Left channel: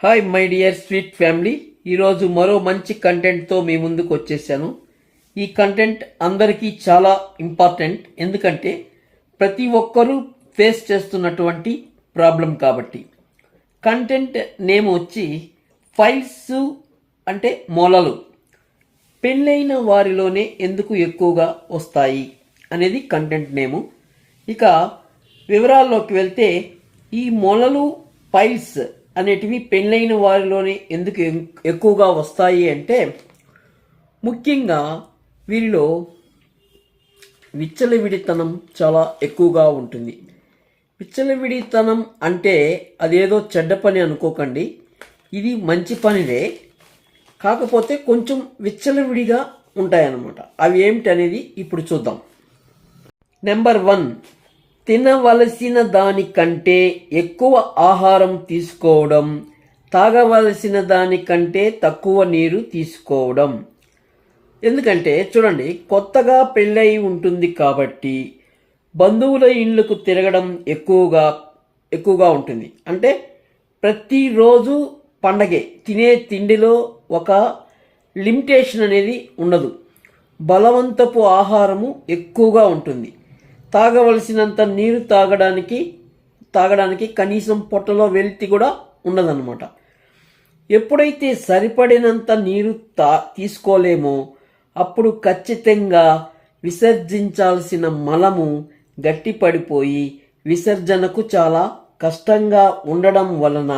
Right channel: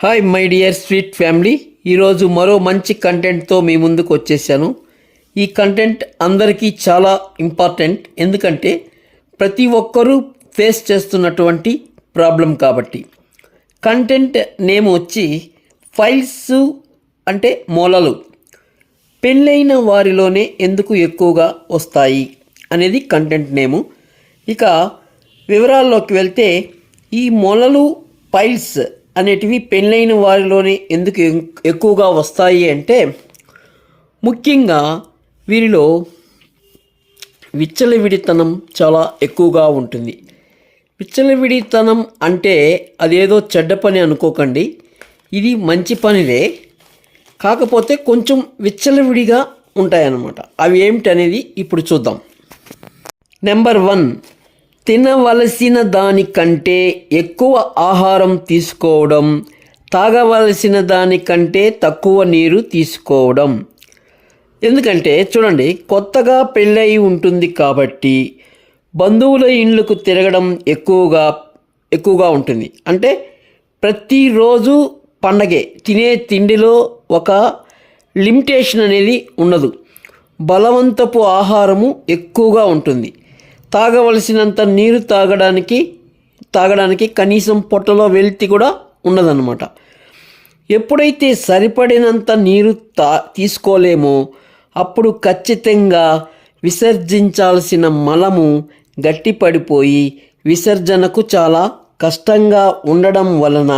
Hi my dear sweet family, ఈరోజు మరో మంచి కంటెంట్తో మీ ముందుకు వచ్చేసాను. ఈ కంటెంట్ అందరికీ చాలా ఇంపార్టెంట్, ఎందుకంటే ప్రతి ఒక్కరూ ఫేస్ చేస్తున్నటువంటి ప్రాబ్లం కాబట్టి. కంటెంట్ నేమ్ వచ్చి ఫైల్స్ అంటే మొలలు పెళ్ళైన వారిలోనే ఎందుకు ఎక్కువగా వస్తాయి అనేది కంటెంట్ నేము. ఇక వివరాల్లోకి వెళ్తే, ఈ మొలలు ఫైల్స్ అనేటివి పెళ్ళైన వారిలోనే ఎందుకు ఎక్కువగా వస్తాయి అంటే, ముఖ్యంగా వీరిలో విచ్చలవిడితనం చాలా ఎక్కువగా ఉంటుంది. విచ్చలవిడితనం అంటే అదేదో చెడ్డ పని అనుకోకండి, ఇది మంచి పనిదే. కాకపోతే కొంచెం విచ్చలవిడిగా ఉంటాయన్నమాట. అవి ఏమిటనేది ఇప్పుడు చూద్దాం. నెంబర్ 1, తినవలసిన దానికంటే ఎక్కువ ఆహారం తీసుకోవడం, తాగవలసిన దానికంటే తక్కువ నీరు తీసుకోవడం. ఎందుకంటే చూడండి, కొత్తగా పెళ్ళయి ఉంటుంది కాబట్టి బంధువుల ఇళ్ళకు తిరగడం ఎక్కువగా ఉంటుంది. అంటే ప్రతిరోజు పండగే, తినే తిండిలో ఒక లిమిటేషన్ అనేది ఉండదు. బలవంతపు ఆహారము ఎక్కువగా ఉంటుంది. తాగవలసినంత నీరు తాగడానికి కనీసం పొట్టలో వెలితి కూడా ఉండదన్నమాట. ఎప్పుడైతే సరిపడినంత నీరు తీసుకోలేమో అప్పుడు ఖచ్చితంగా విసర్జించాల్సిన మలము గట్టిపడిపోయి విసర్జనకు చాలా కష్టంగా ఉండడం వలన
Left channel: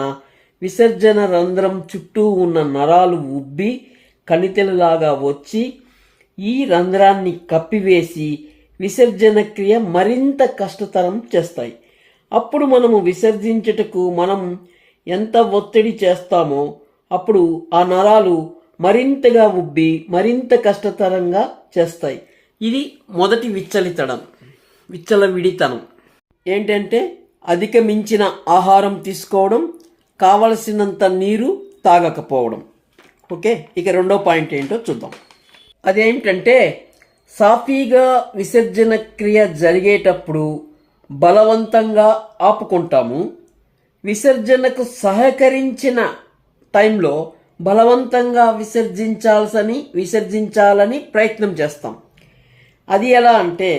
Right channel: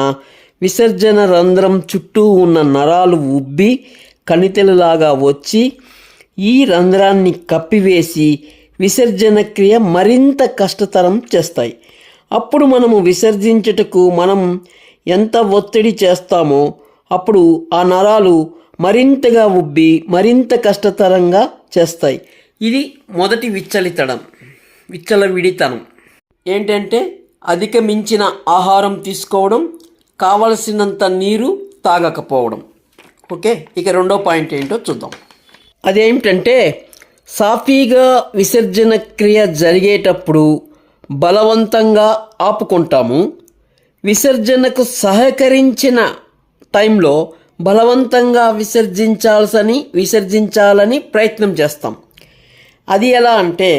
విసర్జన రంధ్రం చుట్టూ ఉన్న నరాలు ఉబ్బి కణితిలలాగా వచ్చి ఈ రంధ్రాన్ని కప్పివేసి విసర్జన క్రియ మరింత కష్టతరం చేస్తాయి. అప్పుడు మనము విసర్జించుటకు మనం ఎంత ఒత్తిడి చేస్తామో అప్పుడు ఆ నరాలు మరింతగా ఉబ్బి మరింత కష్టతరంగా చేస్తాయి. ఇది మొదటి విచ్చలవిడితనం ఏంటంటే అధికమించిన ఆహారం తీసుకోవడం, కావలసినంత నీరు తాగకపోవడం. ఓకే, ఇక రెండో పాయింట్ ఏంటో చూద్దాం. అదేమిటంటే, సాఫీగా విసర్జన క్రియ జరిగేటప్పుడు బలవంతంగా ఆపుకుంటాము. విసర్జనకు సహకరించిన టైంలో బలవంతంగా విసర్జించాలని ప్రయత్నం చేస్తాం. అది ఎలా అంటే,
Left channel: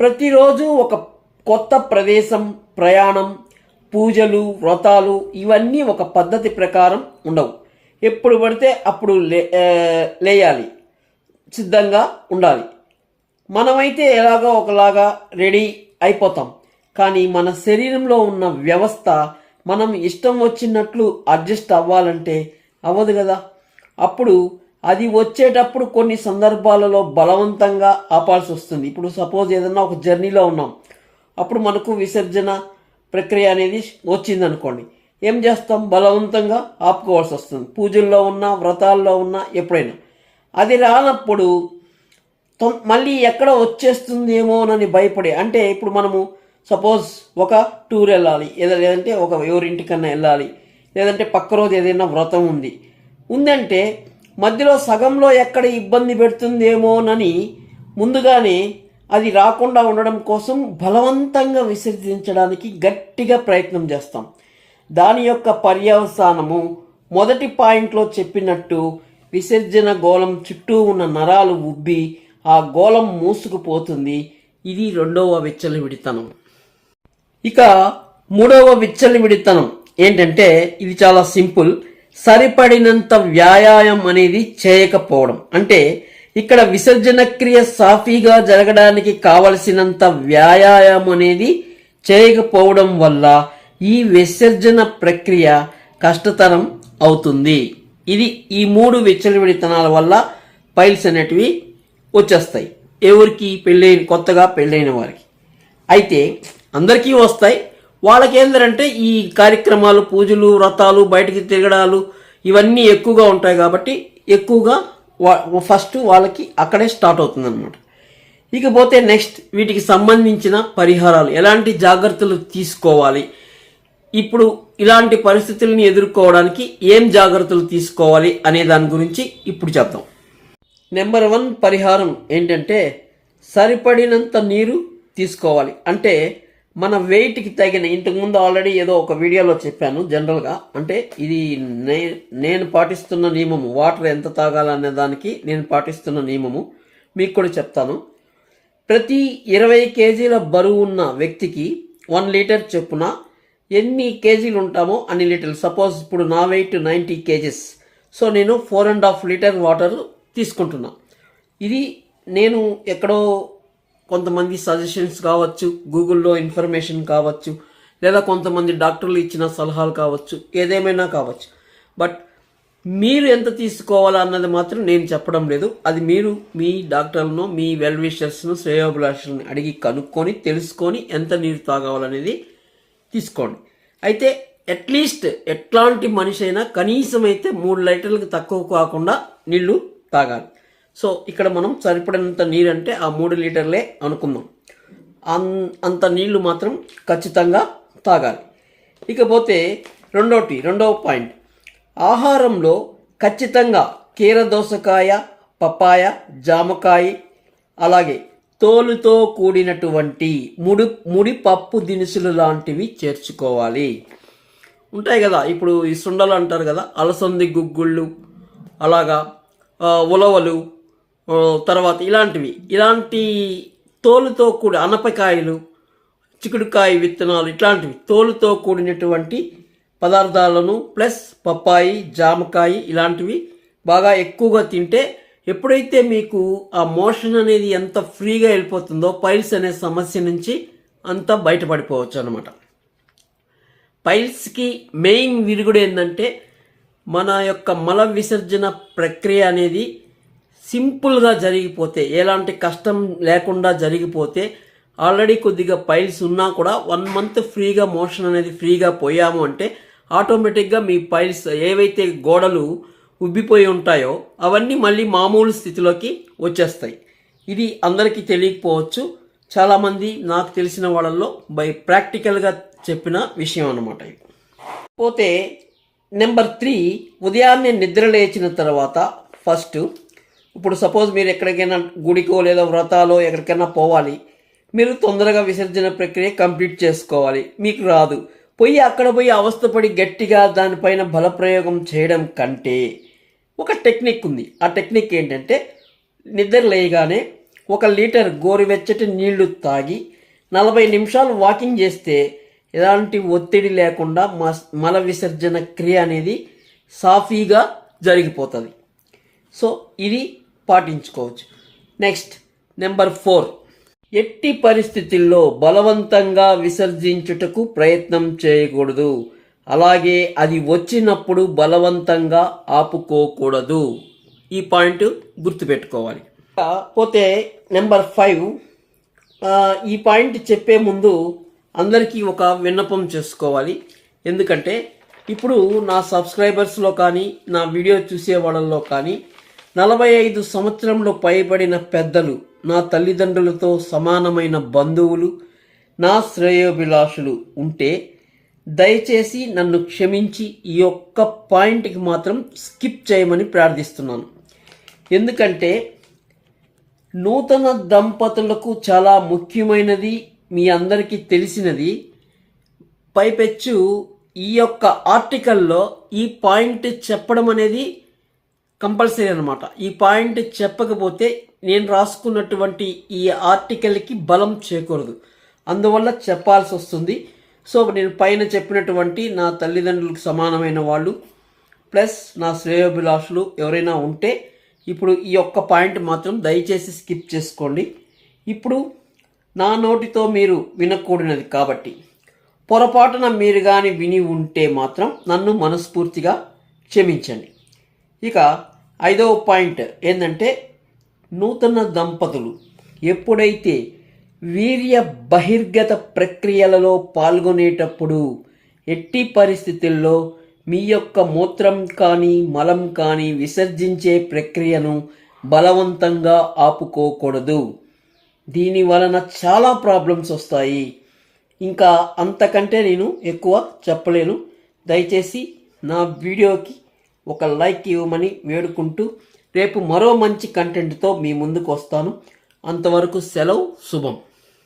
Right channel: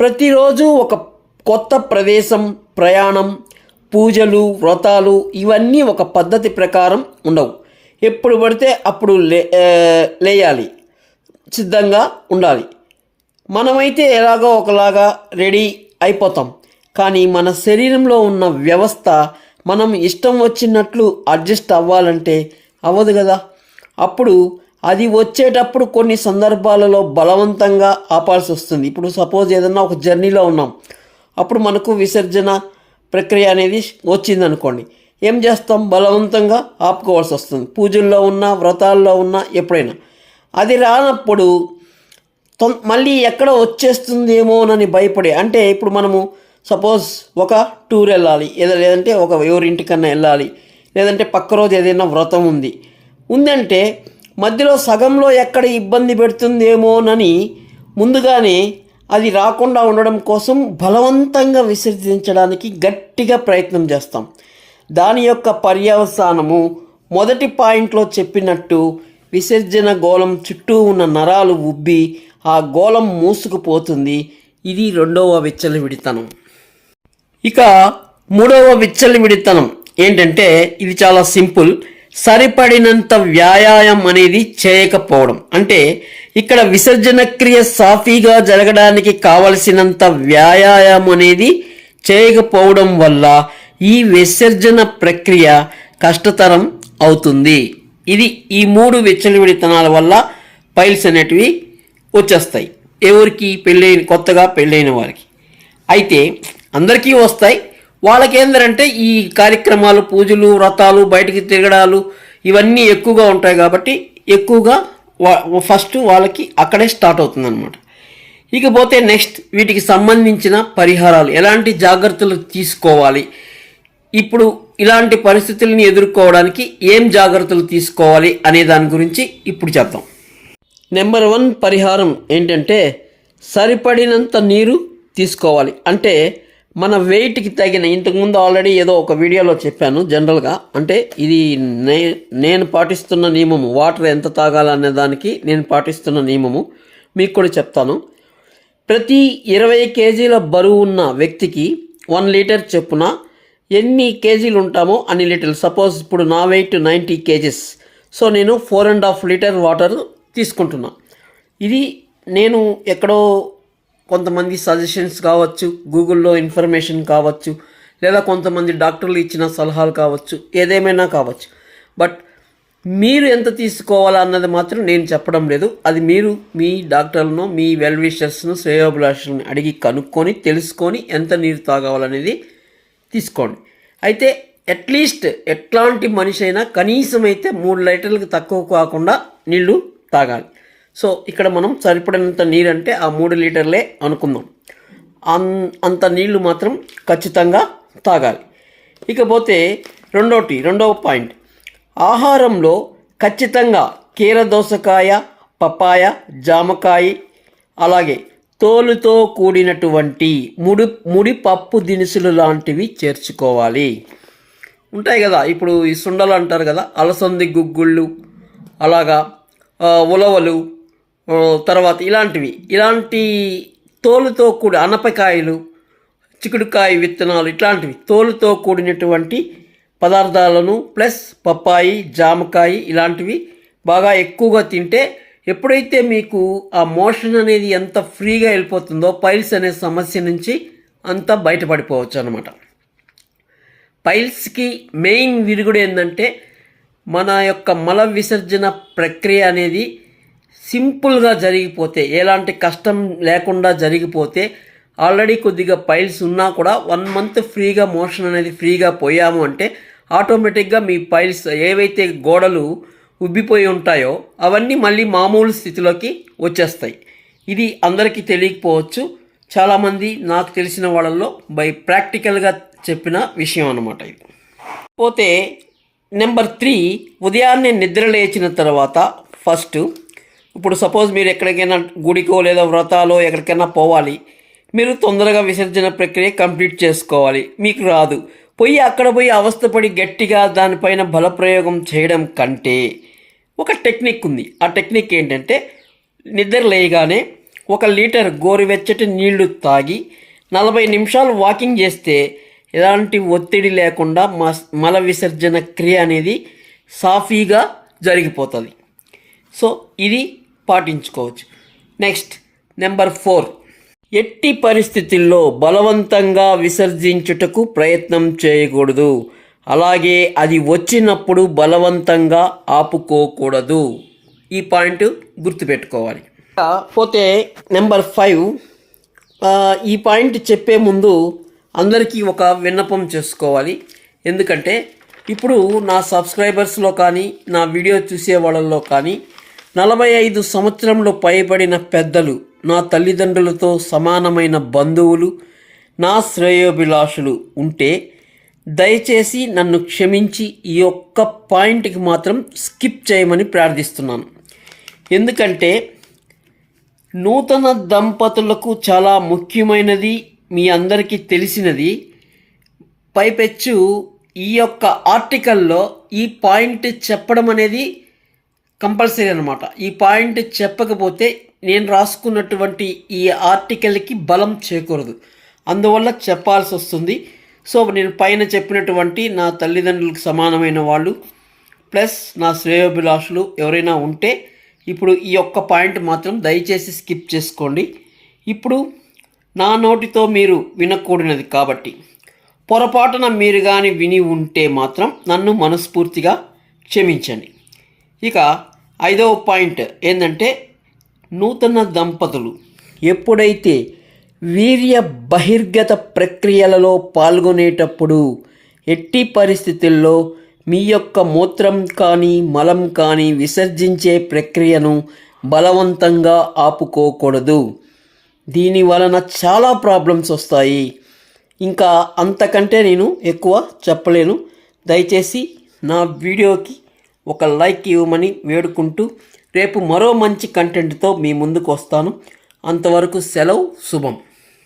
ప్రతిరోజు ఒక కొత్త ప్రదేశం, ప్రయాణం, పూజలు, వ్రతాలు ఇవన్నీ ఒక పద్ధతి ప్రకారం ఉండవు. ఎప్పుడు పడితే అప్పుడు లేయాలి, సిద్ధంగా ఉండాలి. మనమైతే ఎలాగో ఒకలాగా రెడీ అయిపోతాం. కానీ మన శరీరంలో ఉన్న వ్యవస్థ మనం ఇష్టం వచ్చినట్లు అడ్జస్ట్ అవ్వాలంటే అవ్వదు కదా. అప్పుడు అది వచ్చేటప్పుడు కొన్ని సందర్భాలలో బలవంతంగా ఆపాల్సి వస్తుంది. ఇప్పుడు సపోజ్ ఏదన్నా ఒక జర్నీలో ఉన్నాం, అప్పుడు మనకు విసర్జన ప్రక్రియ అనేది వచ్చిందనుకోండి, ఏం చేస్తాం? బలవంతంగా ఆపుకోవాల్సి వస్తుంది. పూజల్లో ఉన్నా, వ్రతాల్లో ఉన్నా, ఎప్పుడైనా. అది రానప్పుడు మళ్ళీ ఎక్కడ వచ్చేస్తుందేమోనని భయపడే, అంటే ఇప్పుడు మనము సపోజ్ ఒక టూర్ వెళ్ళాలి, లేదంటే ఎవరింటికన్నా వెళ్ళాలి, లేదంటే పక్క రోజు ఏదైనా వ్రతం ఉందంటే మధ్యలో సగంలో ఎక్కడ ఇబ్బంది పెడుతుందేమోనని ముందుగానే అది రాకుండా ఉండడం కోసం బలవంతంగా విసర్జించడానికి గట్టిగా ప్రయత్నం చేస్తాం. దాని యొక్క పర్యవసానము మొదటి పాయింట్లో చెప్పినట్టు విసర్జన గోళం చుట్టూ ఉన్న నరాలు ఉబ్బి ఆ గోళం మూసుకుపోతుంది. ఇది రెండవ విచ్చలవిడితనం. ఇక మూడవ విచ్చలవిడితనం ఏంటంటే, ఇది చాలా సింపుల్. సరిపడినంత వ్యాయామం అనేది చేయకపోవడం. అంటే ఇక్కడ విసర్జన క్రియ సాఫీగా జరగడానికి కావలసినంత వ్యాయామం అనేది చేయకపోవడం వల్ల ఈ విసర్జన ప్రక్రియ కష్టతరం అవుతుంది. ఈ 3 విచ్చలవిడితనాల వల్ల పైల్స్ అనేటివి వచ్చేస్తాయి. ఎవరికి? కొత్తగా పెళ్ళైన వారికి. అయితే అందరికీ వస్తాయి. వాళ్ళకేందంటే ఈ కార్యక్రమాలు, పూజలు, వ్రతాలు, బయటికి తిరగడాలు ఇవన్నీ ఎక్కువగా ఉంటాయి కాబట్టి ఎక్కువగా ఫస్ట్ వాళ్ళకి అక్కడే స్టార్ట్ అవుతుంది అనమాట. ఇకపోతే నెక్స్ట్ వీటికి సంబంధించిన పరిహారాలు, ఎలాంటి జాగ్రత్తలు తీసుకోవాలి, ఇప్పుడు ఇలాంటి పరిస్థితులను ఎదుర్కోవడానికి ఏం జాగ్రత్తలు తీసుకోవాలి అనే దాని గురించి ఇప్పుడు చెప్తాం. నెంబర్ 1 పరిహారం ఏంటంటే, సరిపడినంత నీరు తీసుకోవాలి. అంటే మన వెయిట్కి తగిన, ఇంతకుముందు ఆల్రెడీ ఏదో ఒక వీడియోలో చెప్పాను జనరల్గా, అంటే ఇది నేను పాటిస్తున్న నియమము, వాటర్ ఎంత తాగాలనే దానికి నేను పాటిస్తున్న నియమము మీకు కూడా చెప్తాను. ప్రతి 20 కేజీల బరువు ఉన్న వ్యక్తికి 1 లీటర్ చొప్పున ఎన్ని కేజీలు ఉంటామో అన్ని లీటర్లు. సపోజ్ ఇప్పుడు నా వెయిట్ 90 కేజీస్, సో నేను 4.5 లీటర్ వాటర్ తీసుకుంటున్నా. ఇది నేను ఎక్కడో కొంతమంది సజెషన్స్ కావచ్చు, గూగుల్లో ఇన్ఫర్మేషన్ కావచ్చు, లేదా కొంతమంది డాక్టర్లు ఇచ్చిన సలహాలు కావచ్చు, ఏదేమైనా కావచ్చు. బట్ మీరు ఎంత తీసుకోవాలా అన్నది మాత్రం నేను చెప్పడం లేదు. అది మీరు మీ డాక్టర్లను, మీ వెల్ విషర్స్ను, శ్రేయోభిలాషులను అడిగి కనుక్కొని తెలుసుకొని ఎంత నీరు తాగాలనేది తీసుకోండి. అయితే అట్లీస్ట్ ఎట్లాంటి మనిషి అయినా కనీసం అయితే 3 లీటర్లకు తక్కువ కాకుండా నీళ్లు తాగాలి. సో ఇక్కడ మనం సరిపడినంత నీరు అంటే ఆ 3 లీటర్లే అనుకుందాం. అంత నీళ్లు మాత్రం ఖచ్చితంగా తాగాలి. ఇకపోతే రెండవ పాయింట్, ఆహారంలో ఖచ్చితంగా కీరదోసకాయ, పపాయ, జామకాయ, అలాగే తోలుతో కూడినటువంటి ముడి పప్పు దినుసులు లాంటివి చేర్చుకోవాలి. ఉంటాయి కదా, ఇప్పుడు ఈ సుండలు అంటారు కదా, అలసంది గుగ్గుళ్ళు, అలాగా ఉలవలు, తర్వాత ఇలాంటి తోలుతో కూడి అనపకాయలు, చిక్కుడుకాయ విత్తనాలు, ఇట్లాంటివి తోలుతో కూడినటువంటి పదార్థాలను ప్లస్ పప్పాయి, జామకాయ ఇలాంటివి బాగా ఎక్కువగా తింటే ఎప్పుడైతే మీకు ఆ మోషన్ అనేది ఎంత ఫ్రీగా వెళ్ళిపోతుందో పైల్స్ అనే సమస్య నుంచి అంతా బయటపడిపోవచ్చు అన్నమాట. పైల్స్కి మెయిన్ విరుగుడు ఏంటంటే మన యొక్క మల విసర్జన ప్రక్రియ అనేది సింపుల్గా జరిగిపోతే, ఎలాంటి కష్టం లేకుండా జరిగిపోతే, ఆల్రెడీ కొద్దిగా పైల్స్ ఉన్నా కూడా 1 మంత్ ఫ్రీగా మోషన్ అనేది ఫ్రీగా పోయాము అంటే ఆటోమేటిక్గా మీ పైల్స్ ఏవైతే గోడలు ఉబ్బిపోయి ఉంటాయో అవన్నీ మళ్ళీ మామూలు స్థితిలోకి వచ్చేస్తాయి. ఇది అందరికీ తెలియకపోవచ్చు, చాలామంది నాకు తెలిసిన వాళ్ళల్లో ప్రాక్టికల్గా చెప్పిన విషయం అన్నమాట. పోతే నెంబర్ 3, ఉదయాన్నే నిద్ర లేచిన తర్వాత ఫస్ట్, ఇప్పుడు సపోజ్ మీరు ఎక్కడికైనా గుడికో లేదా వ్రతాలో ఎక్కడికైనా పోవాలి, మీరు తొందరగా విసర్జన ప్రక్రియ కంప్లీట్ చేసుకోవాలి, మీకు రాదు, అక్కడ పోయి అవస్థపడి గట్టిగా దానిపైన బలప్రయోగం చేయడం కంటే ఒక టెక్నిక్ ఉంది. ఆ టెక్నిక్ ఏంటంటే నిద్ర లేయగానే 1 లీటర్ గోరువెచ్చటి నీళ్లు తాగి 40 నిమిషాలు వాకింగ్ చేస్తే ఎలాంటి ఒత్తిడి లేకుండా మల విసర్జన క్రియ అనేది సాఫీగా జరిగిపోతుంది. సో ఇది పాటించుకోవచ్చు. నెక్స్ట్ నెంబర్ 4, ఎట్టి పరిస్థితుల్లో బలవంతంగా విసర్జించుటకు ప్రయత్నం చేయకూడదు, అలాగే అది వచ్చినప్పుడు బలవంతంగా ఆపుకోకూడదు. ఈ పాయింట్ గుర్తుపెట్టుకోవాలి. పోతే నెంబర్ 5, ఈ పాయింట్ చెప్పే ముందు అందరికీ ఒక విన్నపం చేసుకోవాలి. ఎందుకంటే ఇప్పుడు నా సబ్స్క్రైబర్స్లో కానీ నా వీడియో చూసే వాళ్ళల్లో కానీ 45 సంవత్సరంలో పైబడిన పెద్దలు, నా తల్లిదండ్రులతో సమానమైన బంధువులు, నా శ్రేయోభిలాషులు ఉంటే దయచేసి నన్ను క్షమించి ఈ ఒక్క పాయింట్కి మాత్రం స్కిప్ చేయమని ప్రార్థిస్తున్నాను. ఎందుకంటే నూతన దంపతులకు చాలా ముఖ్యమైనది, మీ అందరికీ తెలిసినది. పైపెచ్చు ఈ యొక్క ఆర్టికల్లో ఈ పాయింట్ చెప్పడం అనేది కంపల్సరీ అనమాట. ఈ పాయింట్ చెప్పకపోతే నేను రాసుకున్నటువంటి ఈ ఆర్టికల్కి బలం చేకూరదు, అందువల్ల చెప్పాల్సి వస్తుంది. సో నేను పైన చెప్పినటువంటి నా తల్లిదండ్రులకు సమానమైన వాళ్ళు ప్లస్ నా శ్రేయోభిలాషులు ఎవరైనా ఉంటే ఇప్పుడు ఈ ఒక్క పాయింట్ మాత్రం దయచేసి స్కిప్ చేసుకోండి. ఇప్పుడు నా నోటితో మీరు వినకూడనిది కాబట్టి పొరపాటున మీరు కానీ విని ఉంటే మాత్రం నన్ను మనస్ఫూర్తిగా క్షమించండి. ఇక 5వ పాయింట్ ఏంటంటే, నూతన దంపతులు ఎప్పుడైతే వీర్య బహిర్గత ప్రక్రియలలో పాల్గొనేటప్పుడు ఎట్టి పరిస్థితుల్లో మీ యొక్క మూత్రం కానీ మలం కానీ విసర్జించే ప్రక్రియను బలవంతంగా ఆపుకోకూడదు. దీని వలన చాలా ప్రాబ్లమ్స్ వస్తాయి. ఇంకా అంతకంటే నేను ఎక్కువ చెప్పలేను. దయచేసి నా వీడియోకి ఒక లైక్ ఇవ్వమని వేడుకుంటూ రేపు మరో మంచి కంటెంట్తో మీ ముందుకు వస్తాను. అంతవరకు సెలవు, శుభం.